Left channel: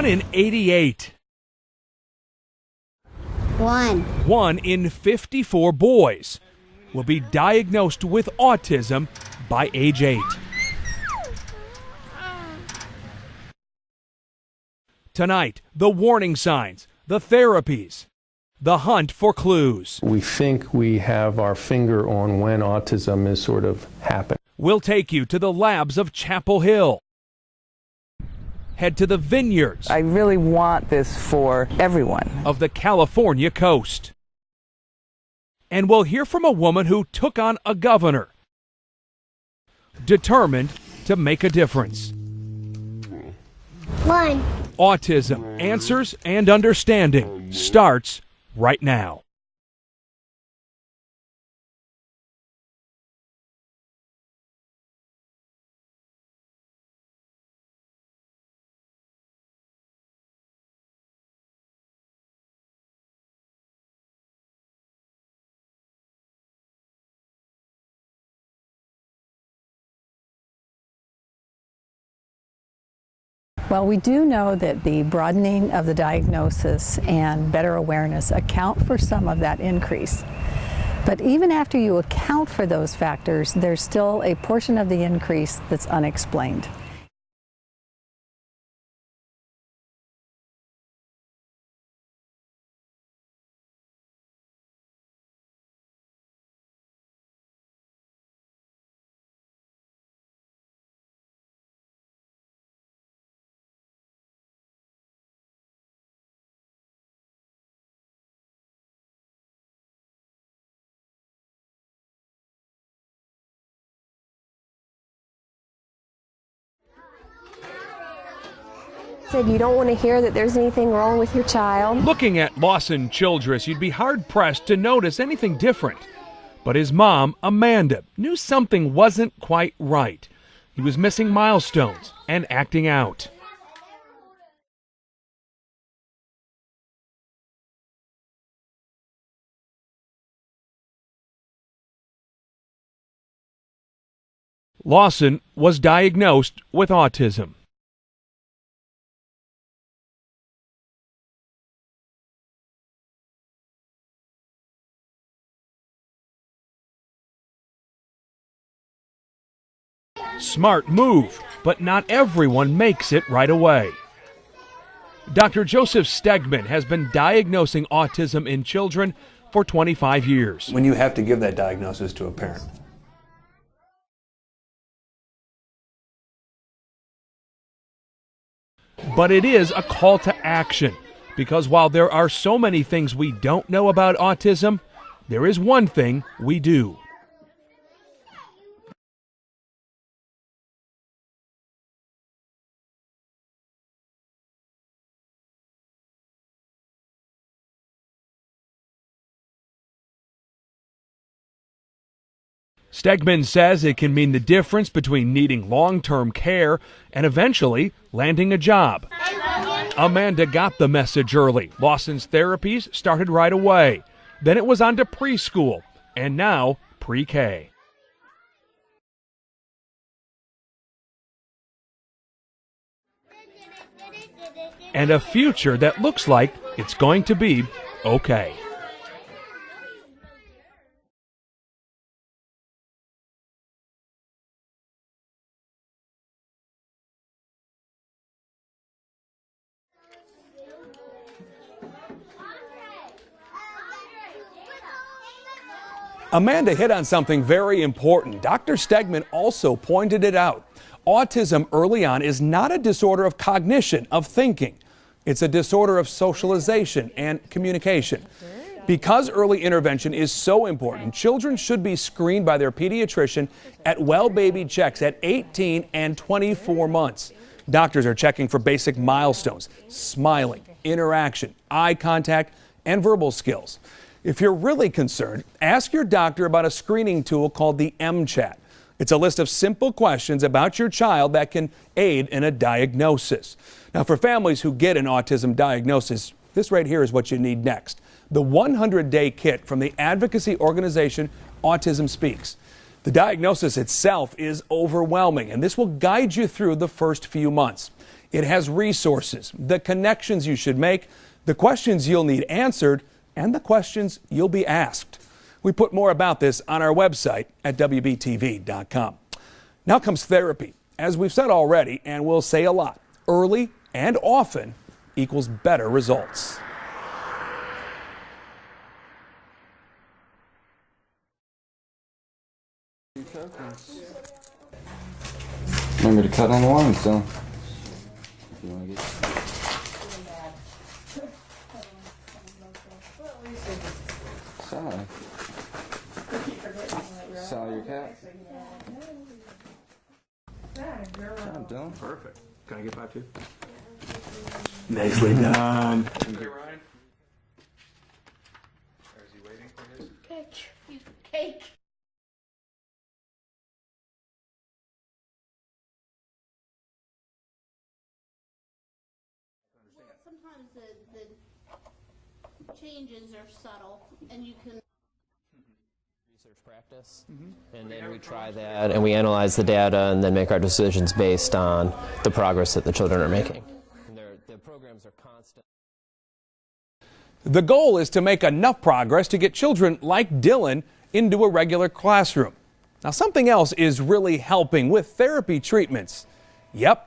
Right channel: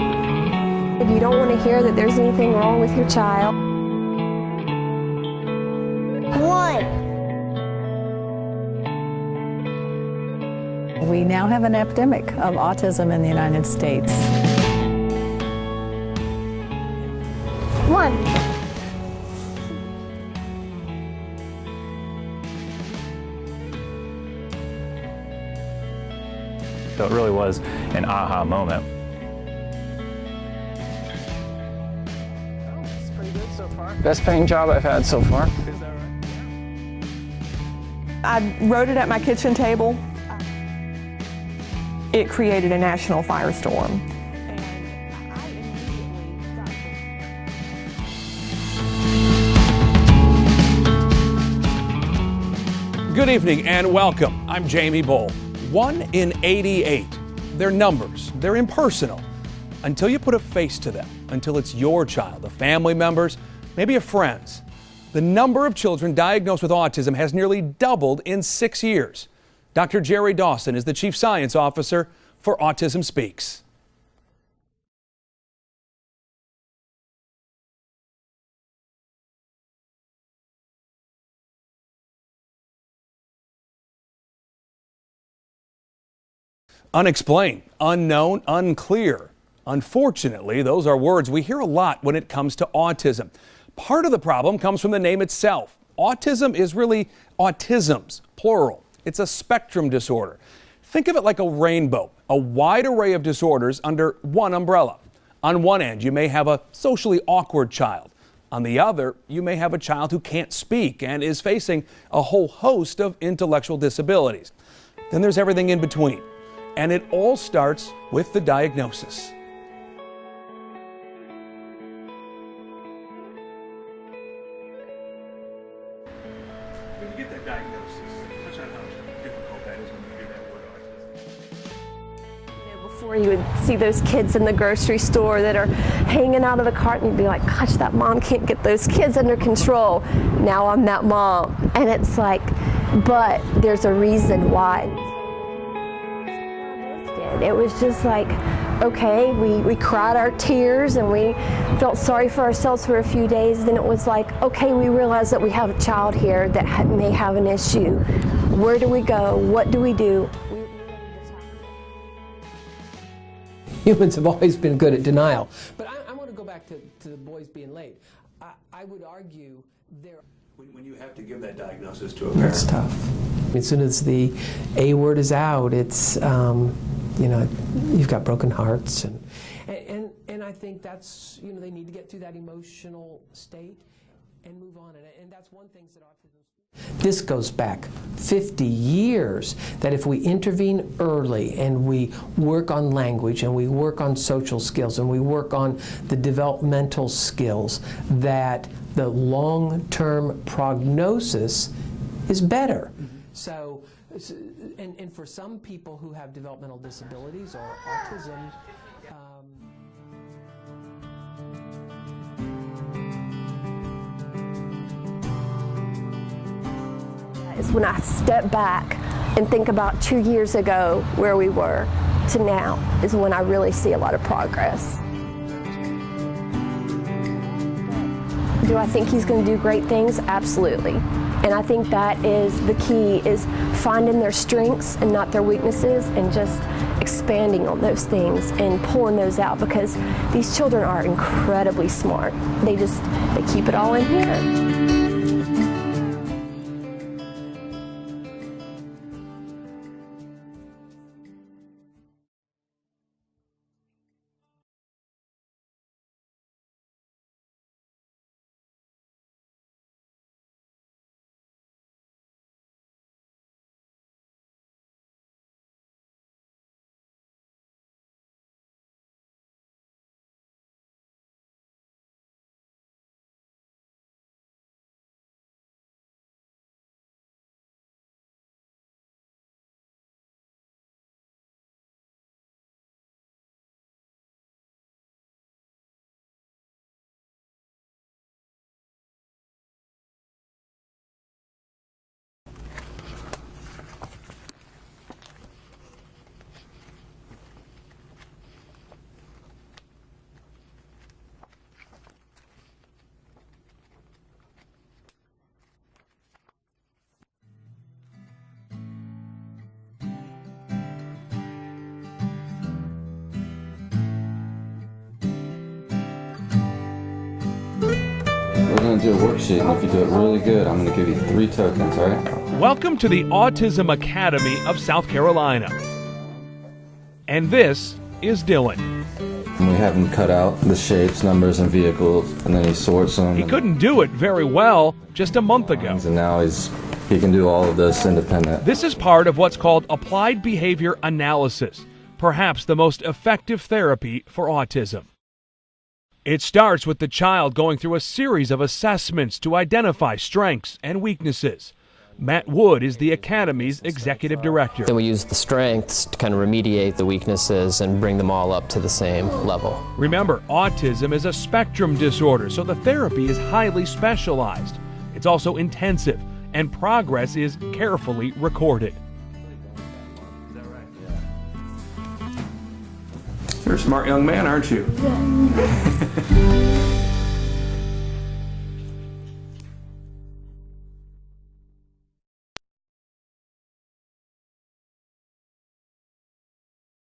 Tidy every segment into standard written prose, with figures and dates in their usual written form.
1 in 88. You don't want to hear that there's anything wrong with your child. 1 in 54 boys will be diagnosed with autism by age 8. We now have an epidemic of autism in the United States. Tonight, the warning signs, the therapies, the hunt for clues. We think we have our finger on when autism is sort of happening. We'll take you to the labs of Chapel Hill. So it really was an aha moment. Head to the vineyards I really want this for everyone. of the California coast. Best paying job I've had so far. And we'll hear from a woman who took on a governor I wrote it at my kitchen table. determined to make a difference. It created a national firestorm. Autism, Answers and Understanding starts right now. Good evening and welcome. I'm Jamie Bull. 1 in 88. They're numbers. They're impersonal. Until you put a face to them, until it's your child, a family member's, maybe a friend's. The number of children diagnosed with autism has nearly doubled in 6 years. Dr. Jerry Dawson is the Chief Science Officer for Autism Speaks. Well, we do know that the broadening of the diagnosis and better awareness account for some of that increase. But even after you account for those factors, there's still a portion of the increase that's unexplained. Unexplained, unknown, unclear. Unfortunately, those are words we hear a lot when it comes to autism. Part of the problem comes from the name itself. Autism is really autisms, plural. It's a spectrum disorder. Think of it like a rainbow, a wide array of disorders under one umbrella. On one end, you may have a socially awkward child. On the other, you may have a child who can't speak and is facing a whole host of intellectual disabilities. Then there's everything in between. And it all starts with the diagnosis. Said you don't want to hear that there's anything wrong with your child. Looking at Lawson Childress, you'd be hard-pressed to notice anything different. But his mom, Amanda, knew something wasn't quite right. He was missing milestones and acting out. Or you would see those kids in the grocery store that are hanging out of the cart and you'd be like, gosh, that mom can't get those kids under control. Now I'm that mom. And it's like, but there's a reason why. Lawson was diagnosed with autism. It was just like, okay, we cried our tears and we felt sorry for ourselves for a few days. Then it was like, okay, we realize that we have a child here that may have an issue. Where do we go? What do we do? Smart move, but not everyone makes it right away. Humans have always been good at denial. Dr. Joseph Stegman has been diagnosing autism in children for 25 years. When you have to give that diagnosis to a parent. It's tough. As soon as the A word is out, it's, you've got broken hearts. But it is a call to action, because while there are so many things we don't know about autism, there is one thing we do. This goes back 50 years, that if we intervene early and we work on language and we work on social skills and we work on the developmental skills, that the long-term prognosis is better. Stegman says it can mean the difference between needing long-term care and eventually landing a job. Amanda got the message early. Lawson's therapies started right away. Then it was on to preschool, and now pre-K. When I step back and think about 2 years ago where we were to now is when I really see a lot of progress. And a future that looks like it's going to be okay. Do I think he's going to do great things? Absolutely. And I think that is the key, is finding their strengths and not their weaknesses and just expanding on those things and pulling those out, because these children are incredibly smart. They keep it all in here. Amanda hit on something very important. Dr. Stegman also pointed it out. Autism early on is not a disorder of cognition, of thinking. It's a disorder of socialization and communication. Because early intervention is so important, children should be screened by their pediatrician at well-baby checks at 18 and 24 months. Doctors are checking for basic milestones, smiling, interaction, eye contact, and verbal skills. If you're really concerned, ask your doctor about a screening tool called the MChat. It's a list of simple questions about your child that can aid in a diagnosis. Now, for families who get an autism diagnosis, this right here is what you need next. The 100-day kit from the advocacy organization Autism Speaks. The diagnosis itself is overwhelming, and this will guide you through the first few months. It has resources, the connections you should make, the questions you'll need answered, and the questions you'll be asked. We put more about this on our website at WBTV.com. Now comes therapy. As we've said already, and we'll say a lot, early and often equals better results. We're going to do a worksheet, and if you do it really good, I'm going to give you 3 tokens, all right? Welcome to the Autism Academy of South Carolina. Remember to cut on the line, so. And this is Dylan. And we have him cut out the shapes, numbers, and vehicles, and then he sorts them. He couldn't do it very well just a month ago. And now he can do all of this independent. This is part of what's called applied behavior analysis, perhaps the most effective therapy for autism. Nicely done. It starts with the child going through a series of assessments to identify strengths and weaknesses. Matt Wood is the Academy's executive director. Then we use the strengths to kind of remediate the weaknesses and bring them all up to the same level. Remember, autism is a spectrum disorder, so the therapy is highly specialized. It's also intensive, and progress is carefully recorded. And we analyze the data and then make our decisions based on the progress that the children are making. You're a smart young man, aren't you? The goal is to make enough progress to get children like Dylan into a regular classroom. Now, something else is really helping with therapy treatments. Yep,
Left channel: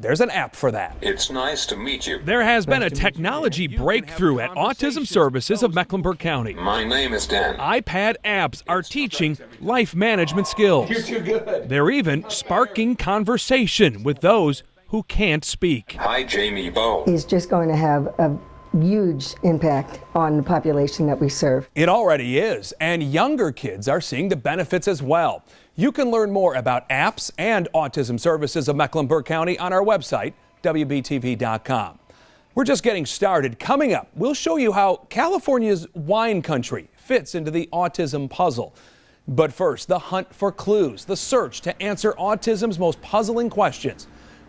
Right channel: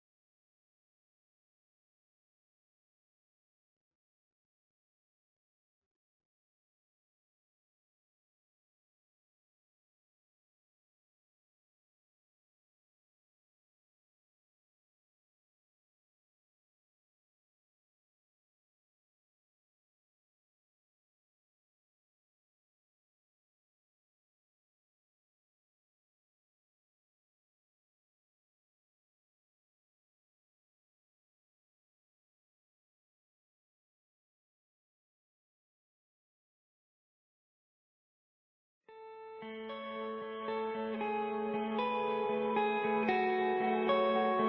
there's an app for that. It's nice to meet you. There has been a technology breakthrough at Autism Services of Mecklenburg County. My name is Dan. iPad apps are teaching life management skills. You're too good. They're even sparking conversation with those who can't speak. Hi, Jamie Bowe. He's just going to have a huge impact on the population that we serve. It already is, and younger kids are seeing the benefits as well. You can learn more about apps and Autism Services of Mecklenburg County on our website, WBTV.com. We're just getting started. Coming up, we'll show you how California's wine country fits into the autism puzzle. But first, the hunt for clues, the search to answer autism's most puzzling questions.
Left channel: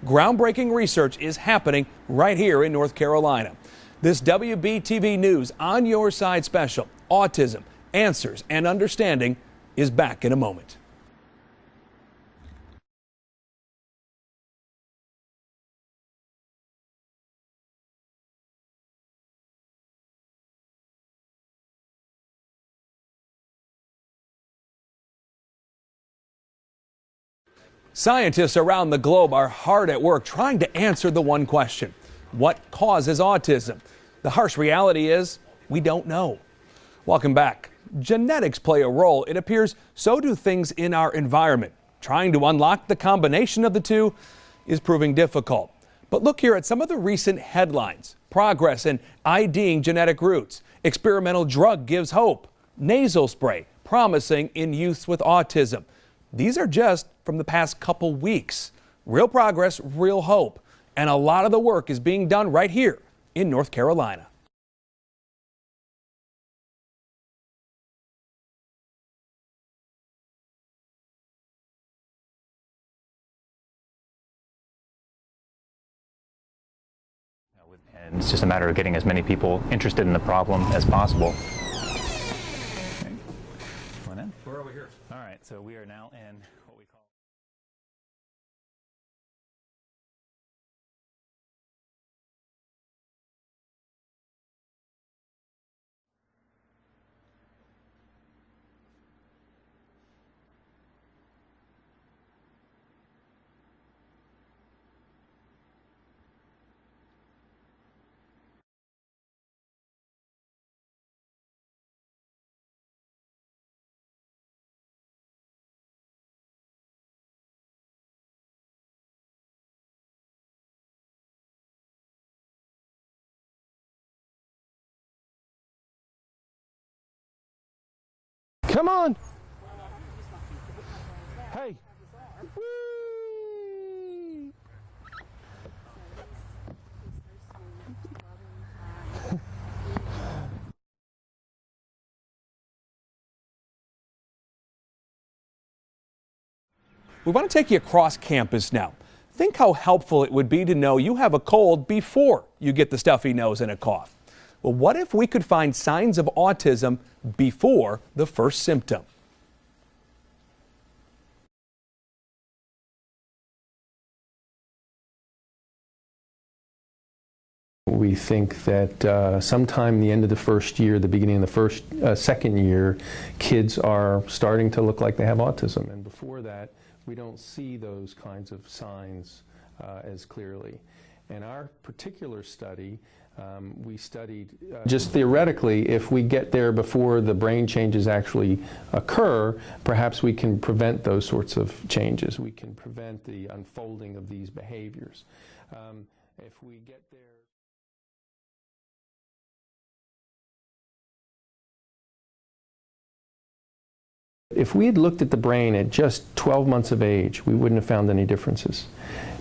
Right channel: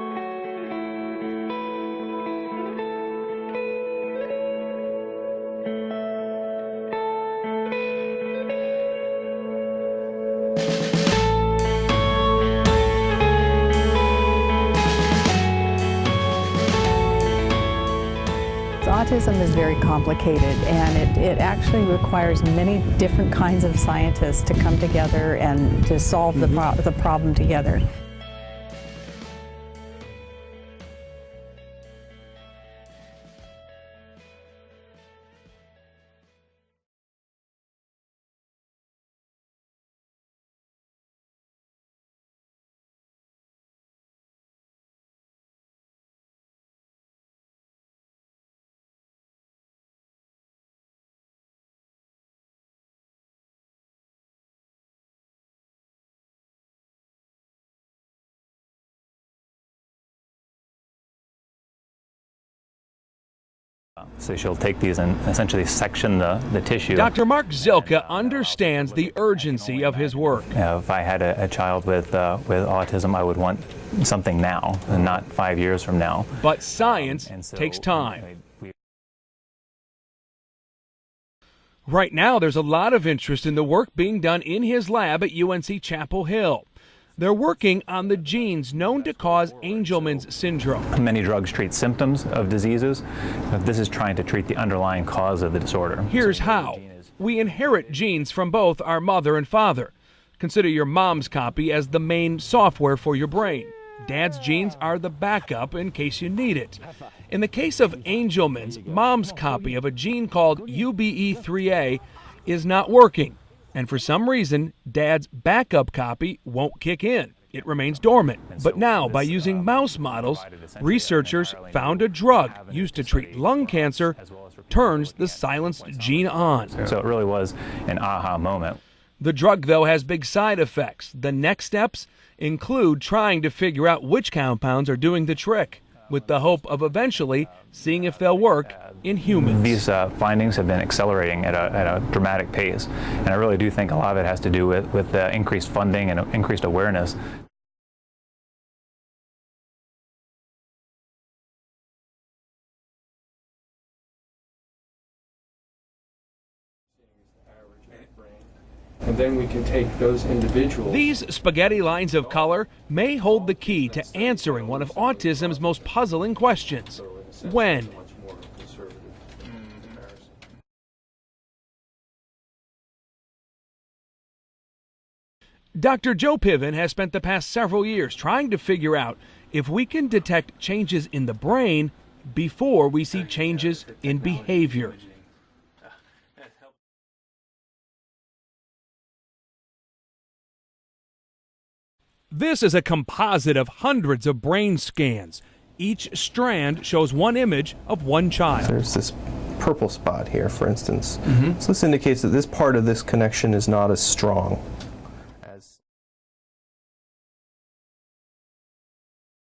Groundbreaking research is happening right here in North Carolina. This WBTV News On Your Side special, Autism, Answers, and Understanding, is back in a moment. Autism is very complicated, and it actually requires many different kinds of scientists to come together and to solve the problem together. Scientists around the globe are hard at work trying to answer the one question: what causes autism? The harsh reality is, we don't know. Welcome back. Genetics play a role. It appears so do things in our environment. Trying to unlock the combination of the two is proving difficult. But look here at some of the recent headlines. Progress in IDing genetic roots. Experimental drug gives hope. Nasal spray promising in youths with autism. These are just from the past couple weeks. Real progress, real hope. And a lot of the work is being done right here in North Carolina. So she'll take these and essentially section the tissue. Dr. Mark Zilka understands the urgency of his work. If I had a child with autism, I would want something now and not 5 years from now. But science takes time. It's just a matter of getting as many people interested in the problem as possible. Right now, there's a lot of interest in the work being done in his lab at UNC Chapel Hill. They're working on the genes known to cause Angelman's syndrome. Many drugs treat symptoms of diseases. This is trying to treat the underlying cause of the disorder. Here's how. We inherit genes from both our mother and father. Consider your mom's copy as the main software for your brain. Dad's genes are the backup in case you need it. In the case of Angelman's, mom's copy of a gene called UBE3A is not working. And for some reason, Dad's backup copy won't kick in. It remains dormant. But now, by using mouse models, researchers found a drug used to treat lung cancer turns the silenced gene on. So it really was an aha moment. Come on! The drug, though, has big side effects. The next steps include trying to figure out which compounds are doing the trick, with the hope of eventually seeing if they'll work in humans. These findings have been accelerating at a dramatic pace, and I really do think a lot of it has to do with increased funding and increased awareness. We want to take you across campus now. Think how helpful it would be to know you have a cold before you get the stuffy nose and a cough. But what if we could find signs of autism before the first symptom? And then we can take those individuals. These spaghetti lines of color may hold the key to answering one of autism's most puzzling questions. When? We think that sometime the end of the first year, the beginning of the second year, kids are starting to look like they have autism. Dr. Joe Piven has spent the past several years trying to figure out if we can detect changes in the brain before we see changes in behavior. Just theoretically, if we get there before the brain changes actually occur, perhaps we can prevent those sorts of changes. This is a composite of hundreds of brain scans. Each strand shows one image of one child. There's this purple spot here, for instance. So this indicates that this part of this connection is not as strong. If we had looked at the brain at just 12 months of age, we wouldn't have found any differences.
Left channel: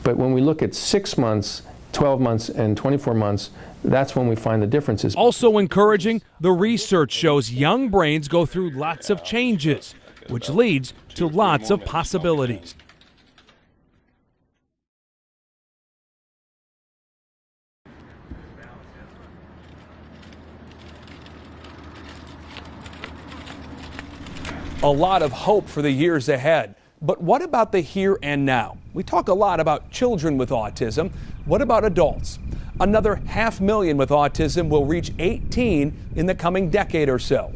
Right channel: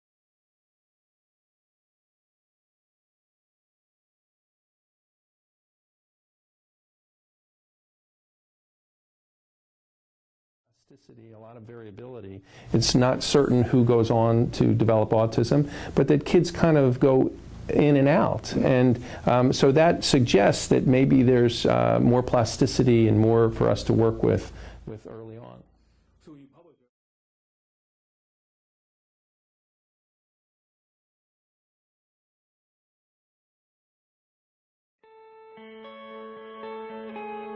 But when we look at 6 months, 12 months, and 24 months, that's when we find the differences. Also encouraging, the research shows young brains go through lots of changes, which leads to lots of possibilities. It's not certain who goes on to develop autism, but that kids kind of go in and out. And so that suggests that maybe there's more plasticity and more for us to work with. A lot of hope for the years ahead. But what about the here and now? We talk a lot about children with autism. What about adults? Another 500,000 with autism will reach 18 in the coming decade or so.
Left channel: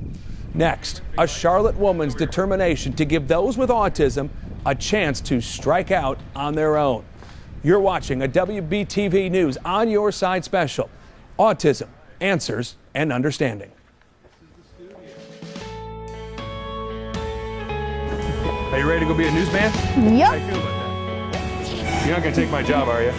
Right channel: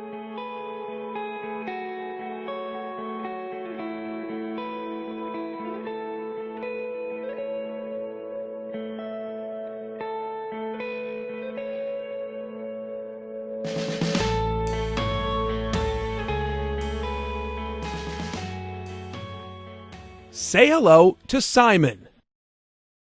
Next, a Charlotte woman's determination to give those with autism a chance to strike out on their own. You're watching a WBTV News On Your Side special, Autism, Answers and Understanding. Are you ready to go be a newsman? Yep. Say hello to Simon. You're not going to take my job, are you?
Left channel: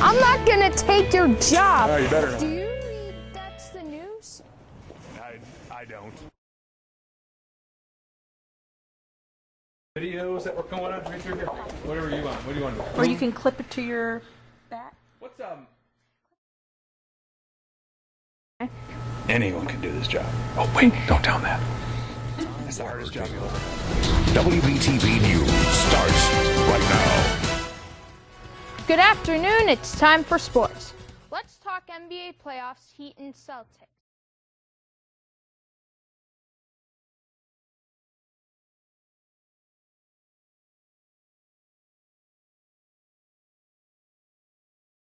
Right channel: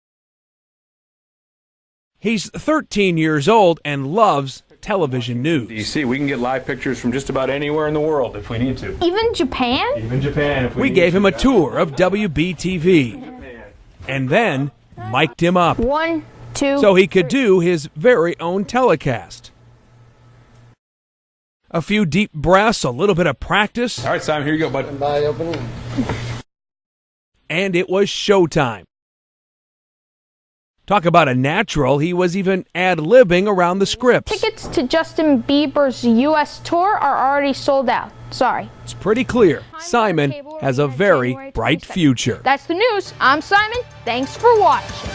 I'm not gonna take your job. Oh, you better. He's 13 years old and loves television news. You see, we can get live pictures from just about anywhere in the world if we need to. Even Japan? Even Japan. If We gave him a tour of WBTV. You can clip it to your... And then mic'd him up 1, 2. so he could do his very own telecast. Anyone can do this job. Oh, wait, don't tell him that. A few deep breaths, a little bit of practice, All right, Simon, here you go, buddy. Starts right now. and it was showtime. Good afternoon, it's time for sports. Talk about a natural, he was even ad-libbing around the scripts. Tickets to Justin Bieber's U.S. tour are already sold out. Sorry. It's pretty clear Simon has a very bright future. That's the news. I'm Simon. Thanks for watching.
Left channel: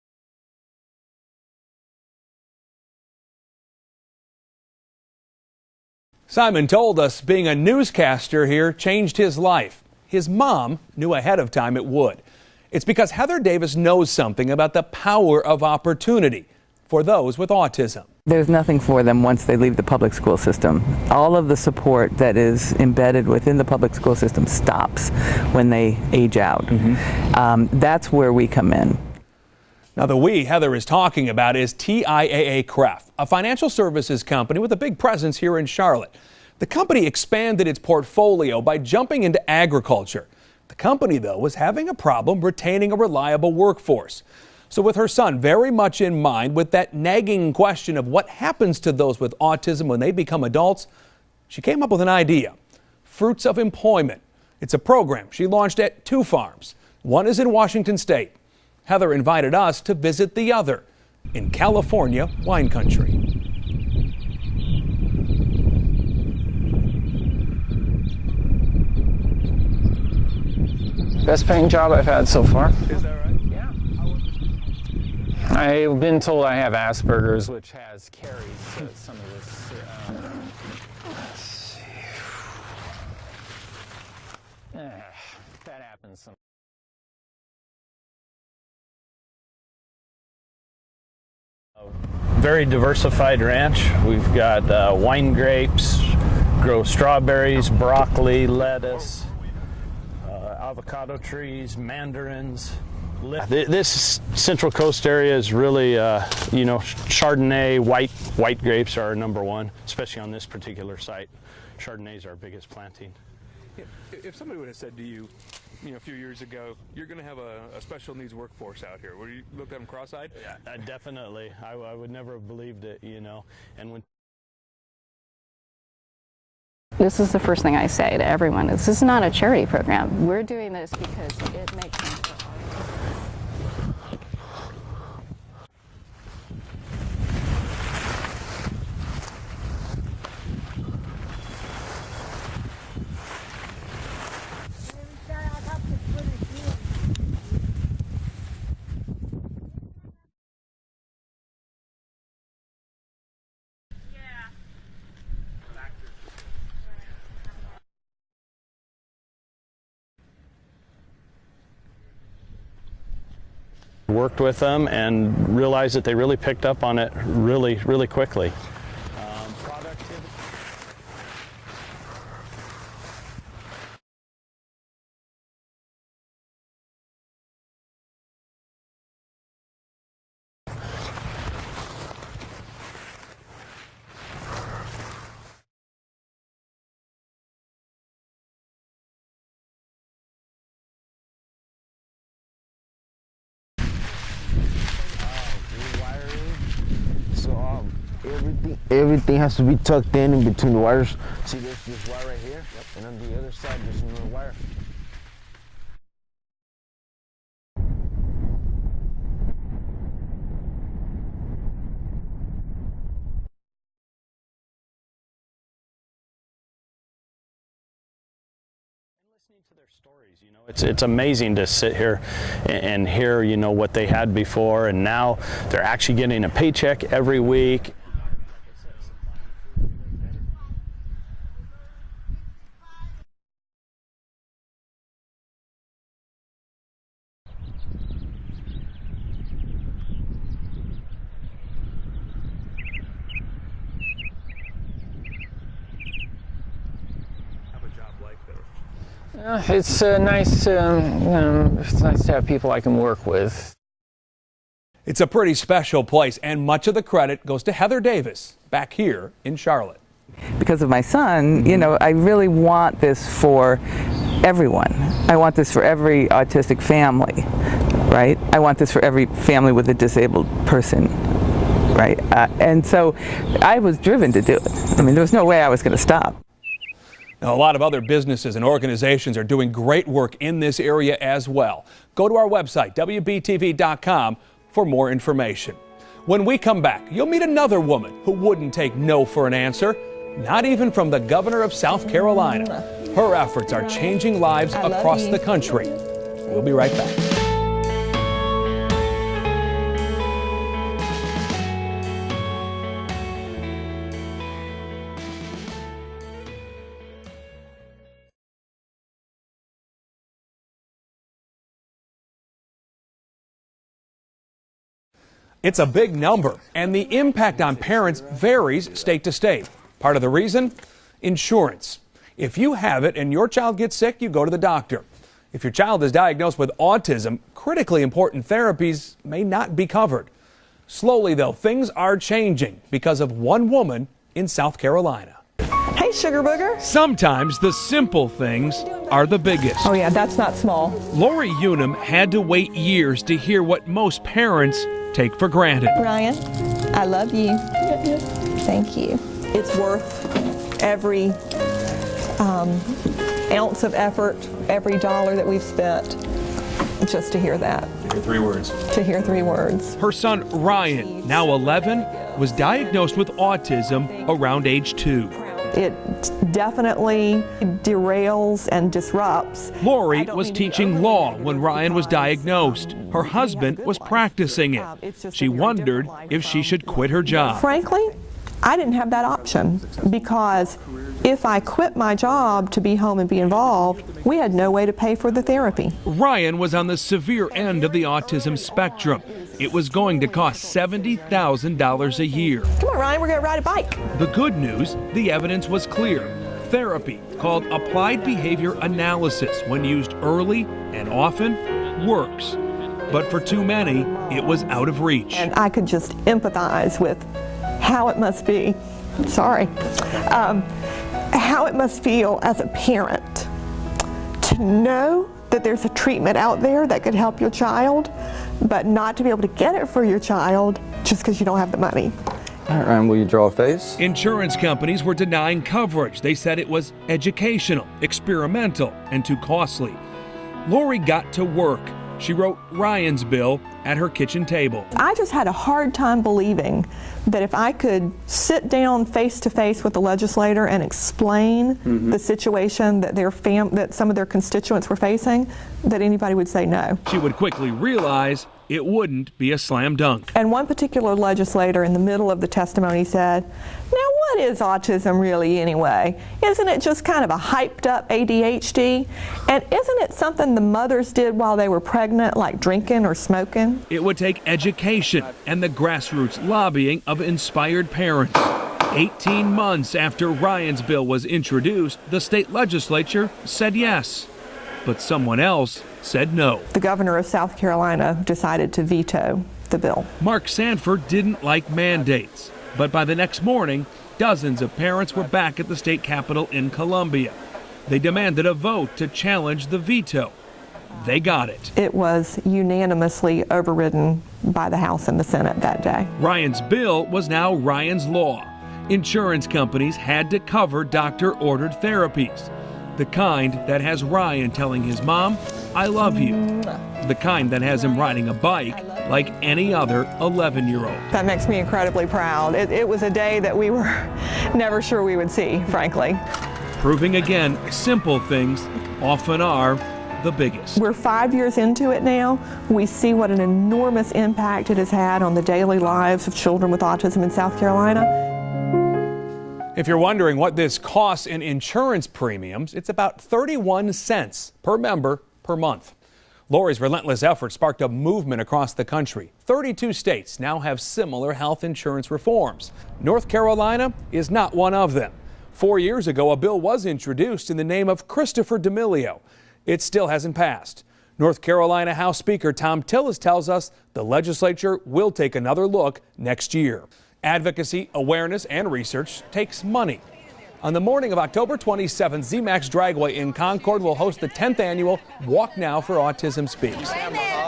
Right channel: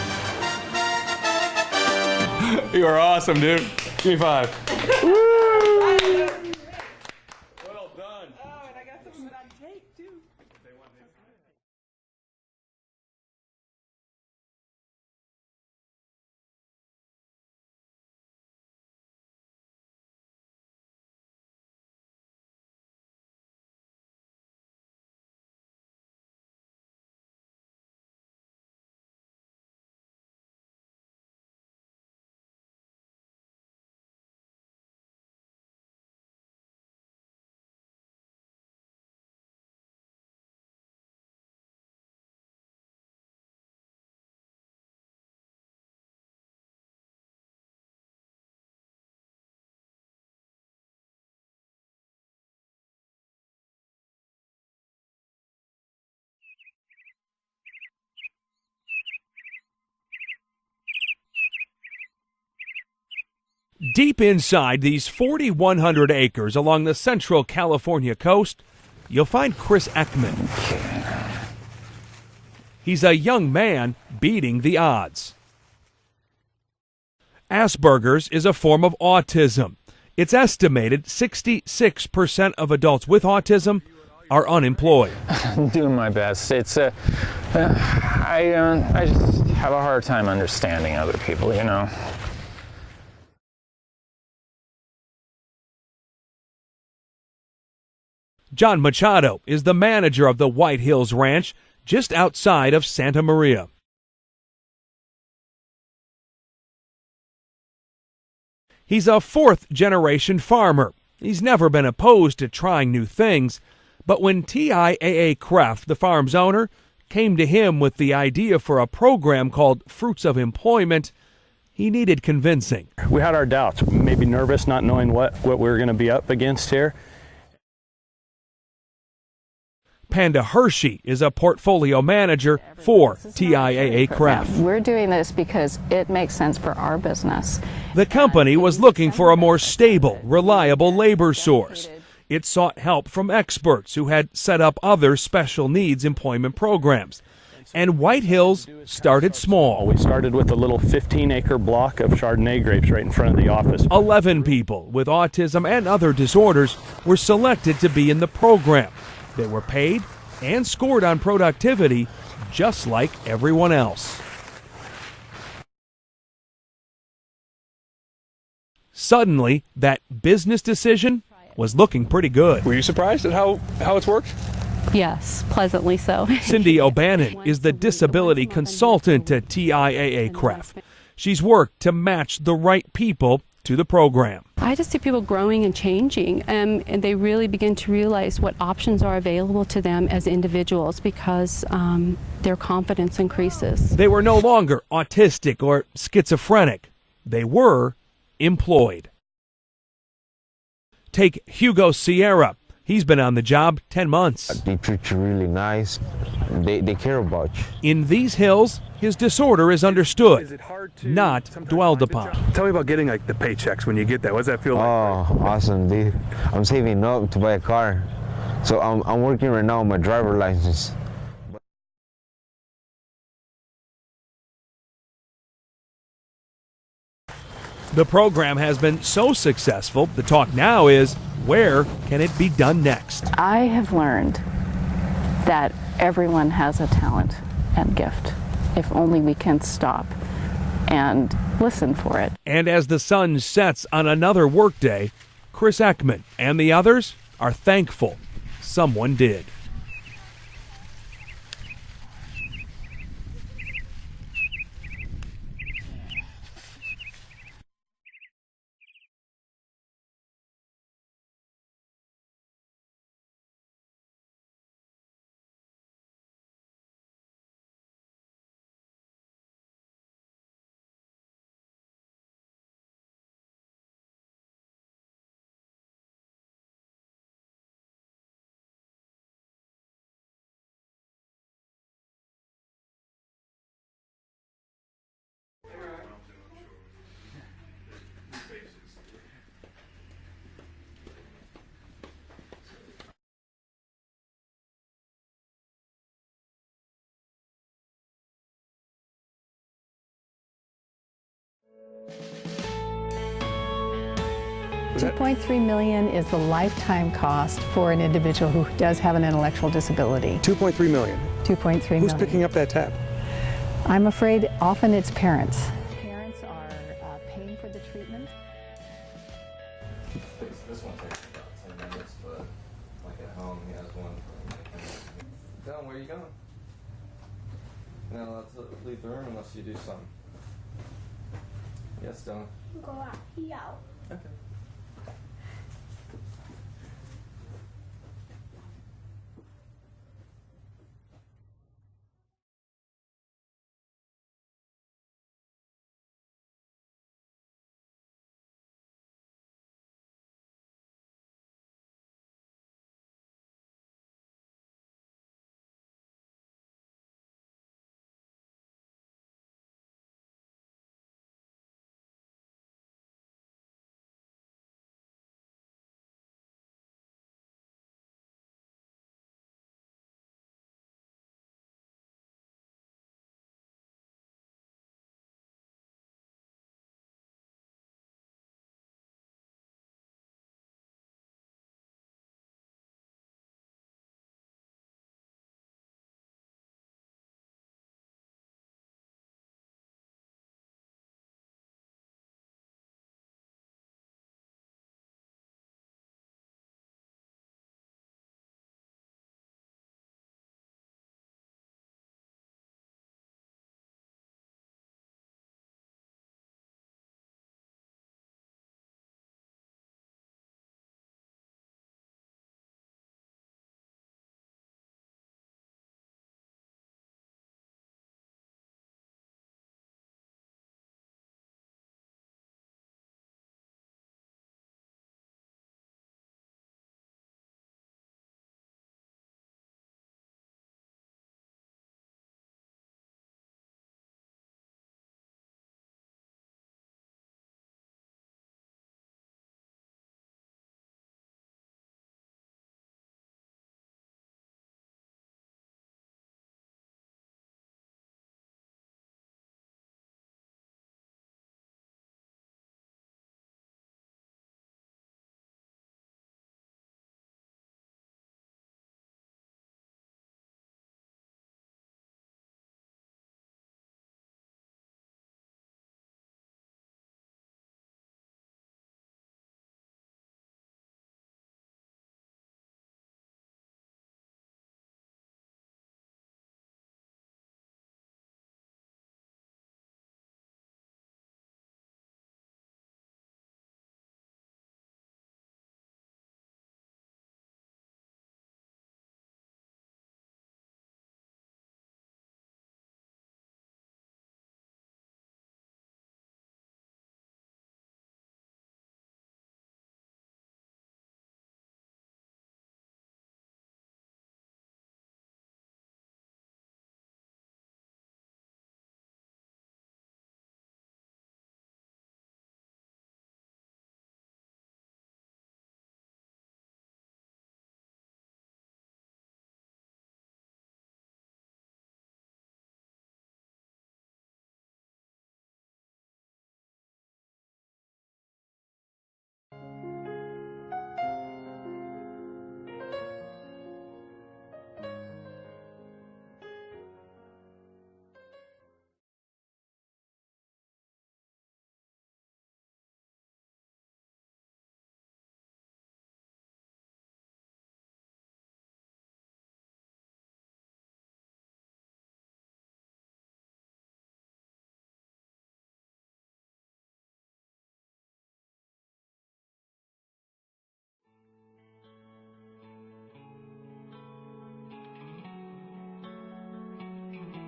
You are awesome, dude. Give me 5. Simon told us being a newscaster here changed his life. His mom knew ahead of time it would. It's because Heather Davis knows something about the power of opportunity for those with autism. There's nothing for them once they leave the public school system. All of the support that is embedded within the public school system stops when they age out. That's where we come in. Now, the we Heather is talking about is TIAA-CREF, a financial services company with a big presence here in Charlotte. The company expanded its portfolio by jumping into agriculture. The company, though, was having a problem retaining a reliable workforce. So with her son very much in mind, with that nagging question of what happens to those with autism when they become adults, she came up with an idea. Fruits of Employment. It's a program she launched at 2 farms. One is in Washington State. Heather invited us to visit the other in California wine country. Deep inside these 4,100 acres along the central California coast, you'll find Chris Ekman. Best paying job I've had so far. He's a young man beating the odds. I've been told I have Asperger's. Asperger's is a form of autism. It's estimated 66% of adults with autism are unemployed. I'm doing my best. It's I just have a hard time understanding other people, you know. Very diversified ranch. We've got wine grapes, grow strawberries, broccoli, lettuce. John Machado is the manager of the White Hills Ranch, just outside of Santa Maria. This Central Coast area is really, you know, Chardonnay, white grapes. He's are a fourth-generation farmer. He's never been opposed to trying new things. But when TIAA-CREF, the farm's owner, came to him with the idea for a program called Fruits of Employment, he needed convincing. We had our doubts, maybe nervous, not knowing what we were going to be up against here. This is the first thing I say to everyone. This is not a charity program. Panda Hershey is a portfolio manager for TIAA Craft. We're doing this because it makes sense for our business. The company was looking for a more stable, reliable labor source. It sought help from experts who had set up other special needs employment programs. And White Hills started small. We started with a little 15-acre block of Chardonnay grapes right in front of the office. 11 people with autism and other disorders were selected to be in the program. They were paid and scored on productivity just like everyone else. Worked with them and realized that they really picked up on it really quickly. Suddenly, that business decision was looking pretty good. Were you surprised at how it's worked? Yes, pleasantly so. Cindy O'Bannon is the disability consultant at TIAA Craft. She's worked to match the right people to the program. I just see people growing and changing, and they really begin to realize what options are available to them as individuals because their confidence increases. They were no longer autistic or schizophrenic. They were employed. Everything has to be tucked in between the wires. Take Hugo Sierra. He's been on the job 10 months. They treat you really nice. They care about you. In these hills, his disorder is understood, not dwelled upon. Tell me about getting like the paychecks when you get that. What does that feel like? Oh, awesome, dude. I'm saving up to buy a car. So I'm working right now on my driver license. It's amazing to sit here and hear, what they had before, and now they're actually getting a paycheck every week. The program has been so successful, the talk now is, where can it be done next? I have learned that everyone has a talent and gift, if only we can stop and listen for it. And as the sun sets on another workday, Chris Ekman and the others are thankful someone did. It's nice, it's nice to have people I can work with. It's a pretty special place, and much of the credit goes to Heather Davis back here in Charlotte. Because of my son, I really want this for everyone. I want this for every autistic family, right? I want this for every family with a disabled person, right? And so I was driven to do it. I mean, there was no way I was going to stop. Now, a lot of other businesses and organizations are doing great work in this area as well. Go to our website, WBTV.com, for more information. When we come back, you'll meet another woman who wouldn't take no for an answer, not even from the governor of South Carolina. Her efforts are changing lives across the country. We'll be right back. $2.3 million is the lifetime cost for an individual who does have an intellectual disability. $2.3 million. $2.3 million. Who's picking up that tab? I'm afraid often it's parents. It's a big number, and the impact on parents varies state to state. Part of the reason? Insurance. If you have it and your child gets sick, you go to the doctor. If your child is diagnosed with autism, critically important therapies may not be covered. Slowly, though, things are changing because of one woman in South Carolina. Hey, Sugar Booger. Sometimes the simple things are the biggest. Oh yeah, that's not small. Lori Unum had to wait years to hear what most parents take for granted. Ryan, I love you. Thank you. It's worth every ounce of effort, every dollar that we've spent, just to hear that. To hear 3 words. To hear 3 words. Her son, Ryan, now 11, was diagnosed with autism around age 2. It definitely derails and disrupts. Lori was teaching law when Ryan was diagnosed. Her husband was practicing it. She wondered if she should quit her job. Frankly, I didn't have that option because if I quit my job to be home and be involved, we had no way to pay for the therapy. Ryan was on the severe end of the autism spectrum. It was going to cost $70,000 a year. Come on, Ryan, we're going to ride a bike. The good news, the evidence was clear. Therapy, called applied behavior analysis, when used early and often, works. But for too many, it was out of reach. And I could just empathize with how it must be, how it must feel as a parent to know that there's a treatment out there that could help your child, but not to be able to get it for your child just because you don't have the money. All right, Ryan, will you draw a face? Insurance companies were denying coverage. They said it was educational, experimental, and too costly. Lori got to work. She wrote Ryan's bill at her kitchen table. I just had a hard time believing that if I could sit down face to face with the legislator and explain the situation that that some of their constituents were facing, that anybody would say no. She would quickly realize it wouldn't be a slam dunk. And one particular legislator in the middle of the testimony said, "Now what is autism really anyway? Isn't it just kind of a hyped up ADHD? And isn't it something the mothers did while they were pregnant, like drinking or smoking?" It would take education and the grassroots lobbying of inspired parents. 18 months after Ryan's bill was introduced, the state legislature said yes, but someone else said no. The governor of South Carolina decided to veto the bill. Mark Sanford didn't like mandates, but by the next morning, dozens of parents were back at the state capitol in Columbia. They demanded a vote to challenge the veto. They got it. It was unanimously overridden by the House and the Senate that day. Ryan's bill was now Ryan's law. Insurance companies had to cover doctor-ordered therapies. The kind that has Ryan telling his mom, "I love you." The kind that has him riding a bike like any other 11-year-old. That makes me incredibly proud. It was a day that we were never sure we would see, frankly. Proving again, simple things often are the biggest. We're 5 years into it now. We see what an enormous impact it has had on the daily lives of children with autism in South Carolina. If you're wondering what this costs in insurance premiums, it's about 31 cents per member per month. Lori's relentless effort sparked a movement across the country. 32 states now have similar health insurance reforms. North Carolina is not one of them. 4 years ago, a bill was introduced in the name of Christopher D'Amelio. It still hasn't passed. North Carolina House Speaker Tom Tillis tells us the legislature will take another look next year. Advocacy, awareness, and research takes money. On the morning of October 27th, ZMAX Dragway in Concord will host the 10th annual Walk Now for Autism Speaks.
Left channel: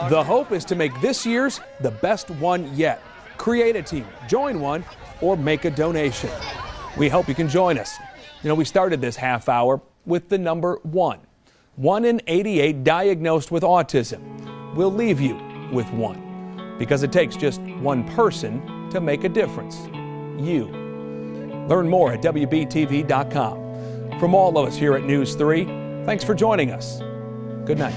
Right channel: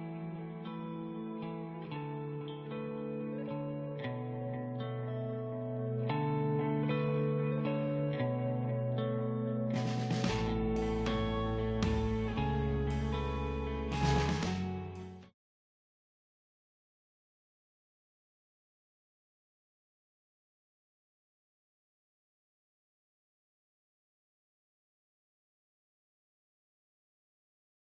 The hope is to make this year's the best one yet. Create a team, join one, or make a donation. We hope you can join us. You know, we started this half hour with the number 1. 1 in 88 diagnosed with autism. We'll leave you with 1, because it takes just one person to make a difference. You. Learn more at WBTV.com. From all of us here at News 3, thanks for joining us. Good night.